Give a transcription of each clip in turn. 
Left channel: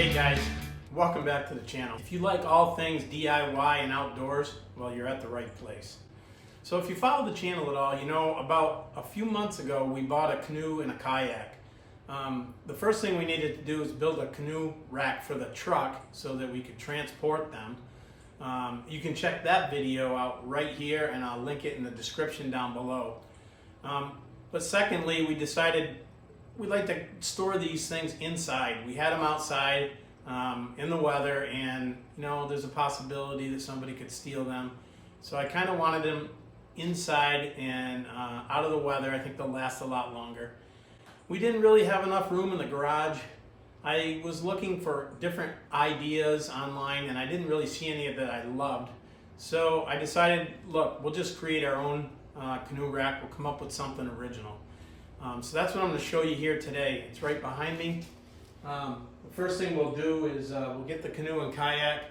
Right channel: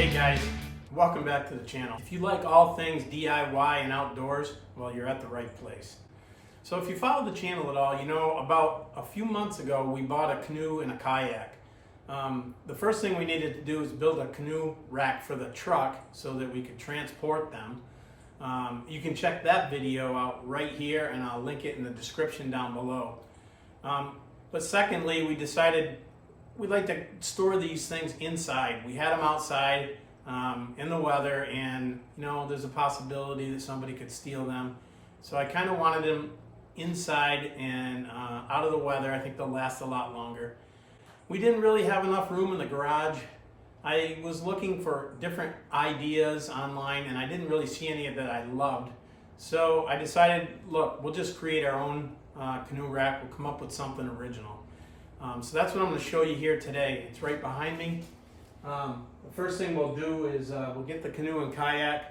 Hey guys, welcome back to the channel. If you like all things DIY and outdoors, well, you're at the right place. So if you follow the channel at all, you know about a few months ago we bought a canoe and a kayak. The first thing we needed to do is build a canoe rack for the truck so that we could transport them. You can check that video out right here, and I'll link it in the description down below. But secondly, we decided we'd like to store these things inside. We had them outside in the weather, and you know, there's a possibility that somebody could steal them. So I kind of wanted them inside and out of the weather. I think they'll last a lot longer. We didn't really have enough room in the garage. I was looking for different ideas online, and I didn't really see any that I loved. So I decided, look, we'll just create our own canoe rack. We'll come up with something original. So that's what I'm going to show you here today. It's right behind me. The first thing we'll do is we'll get the canoe and kayak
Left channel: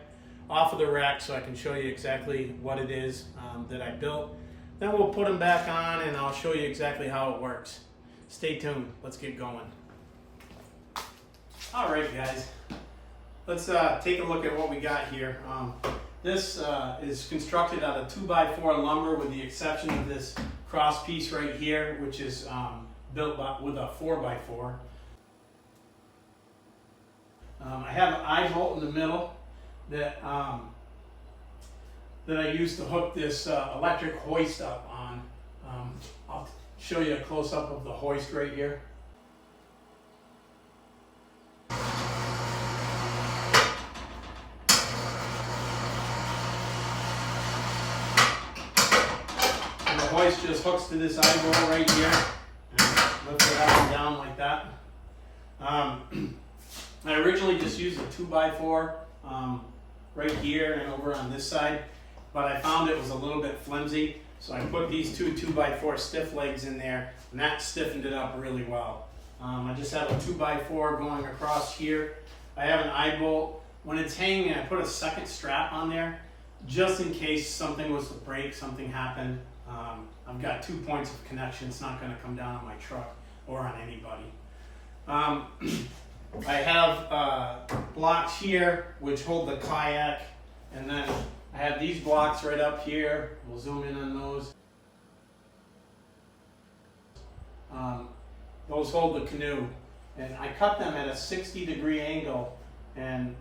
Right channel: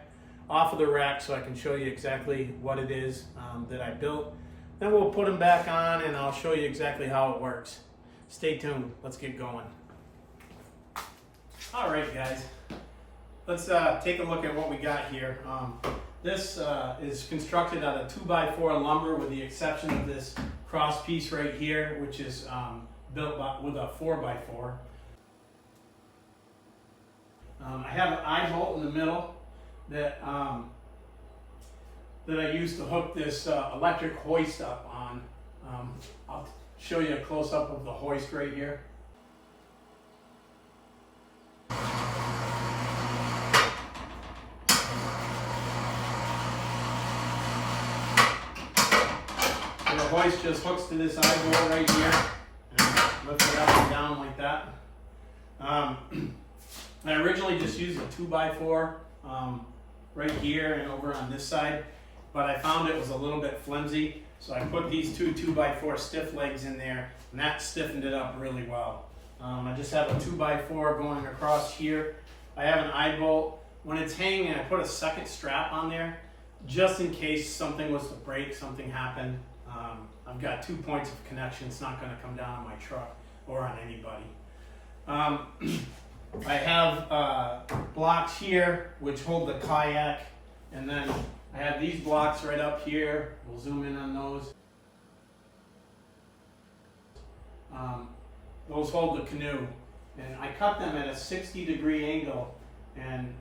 off of the rack so I can show you exactly what it is that I built. Then we'll put them back on, and I'll show you exactly how it works. Stay tuned. Let's get going. All right, guys. Let's take a look at what we got here. This is constructed out of 2x4 lumber, with the exception of this cross piece right here, which is built with a 4x4. I have an eye bolt in the middle that I use to hook this electric hoist up on. I'll show you a close-up of the hoist right here. And the hoist just hooks to this eye bolt right here, and lift it up and down like that. I originally just used a 2x4 right here and over on this side, but I found it was a little bit flimsy, so I put these two 2x4 stiff legs in there, and that stiffened it up really well. I just have a 2x4 going across here. I have an eye bolt. When it's hanging, I put a second strap on there just in case something was to break, something happened. I've got 2 points of connection. It's not going to come down on my truck or on anybody. I have blocks here which hold the kayak, and then I have these blocks right up here. We'll zoom in on those. Those hold the canoe, and I cut them at a 60-degree angle, and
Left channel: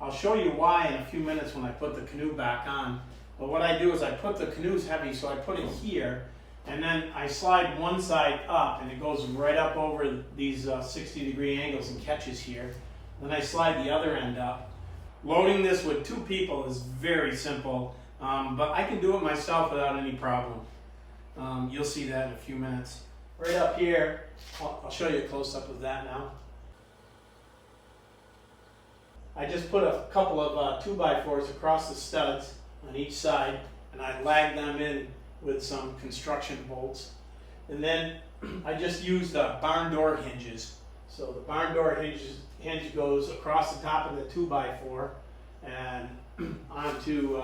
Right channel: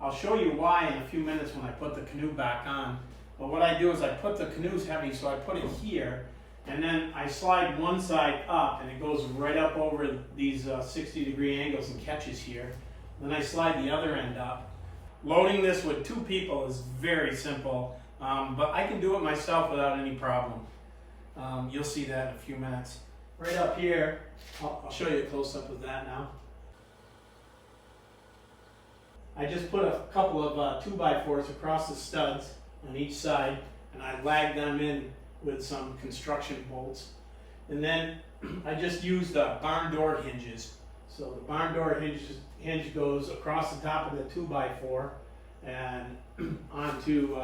I'll show you why in a few minutes when I put the canoe back on. But what I do is I put the canoe's heavy, so I put it here, and then I slide one side up, and it goes right up over these 60-degree angles and catches here. Then I slide the other end up. Loading this with 2 people is very simple, but I can do it myself without any problem. You'll see that in a few minutes. Right up here, I'll show you a close-up of that now. I just put a couple of 2x4s across the studs on each side, and I lag them in with some construction bolts. And then I just used barn door hinges. So the barn door hinge goes across the top of the 2x4 and onto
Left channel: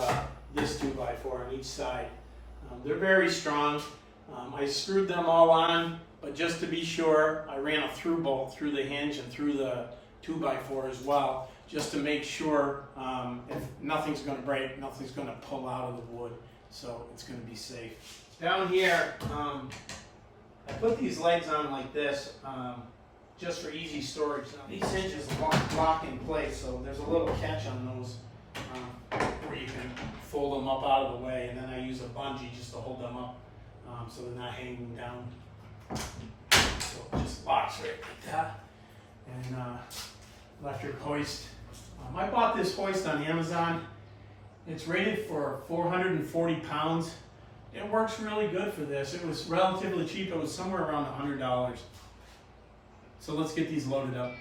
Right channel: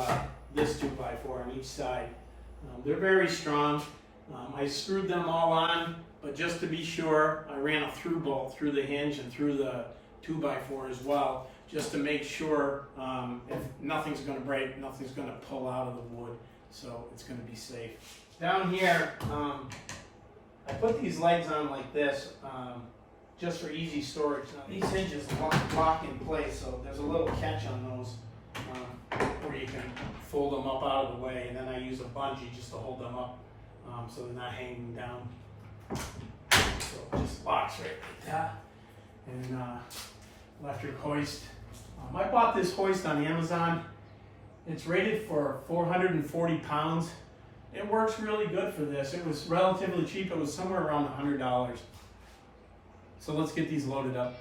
this 2x4 on each side. They're very strong. I screwed them all on, but just to be sure, I ran a through bolt through the hinge and through the 2x4 as well, just to make sure if nothing's going to break, nothing's going to pull out of the wood, so it's going to be safe. Down here, I put these legs on like this, just for easy storage. Now, these hinges lock in place, so there's a little catch on those where you can fold them up out of the way, and then I use a bungee just to hold them up so they're not hanging down. So it just locks right like that. And electric hoist. I bought this hoist on Amazon. It's rated for 440 pounds. It works really good for this. It was relatively cheap. It was somewhere around $100. So let's get these loaded up.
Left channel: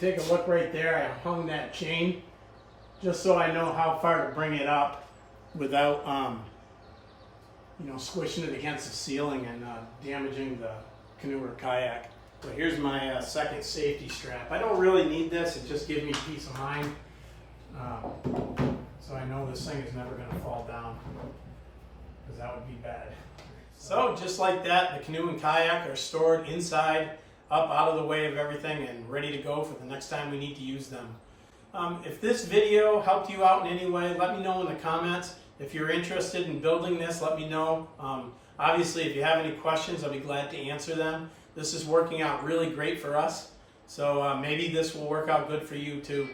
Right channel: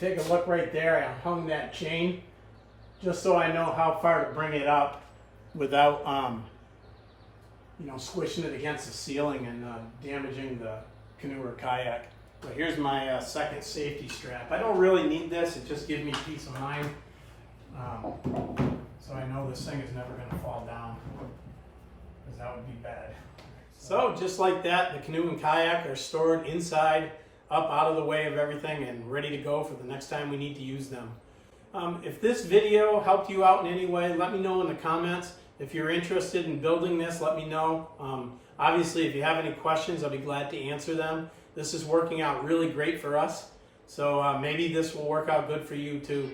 take a look right there, I hung that chain just so I know how far to bring it up without, you know, squishing it against the ceiling and damaging the canoe or kayak. So here's my second safety strap. I don't really need this, it just gives me peace of mind. So I know this thing is never going to fall down, because that would be bad. So just like that, the canoe and kayak are stored inside, up out of the way of everything, and ready to go for the next time we need to use them. If this video helped you out in any way, let me know in the comments. If you're interested in building this, let me know. Obviously, if you have any questions, I'll be glad to answer them. This is working out really great for us, so maybe this will work out good for you too.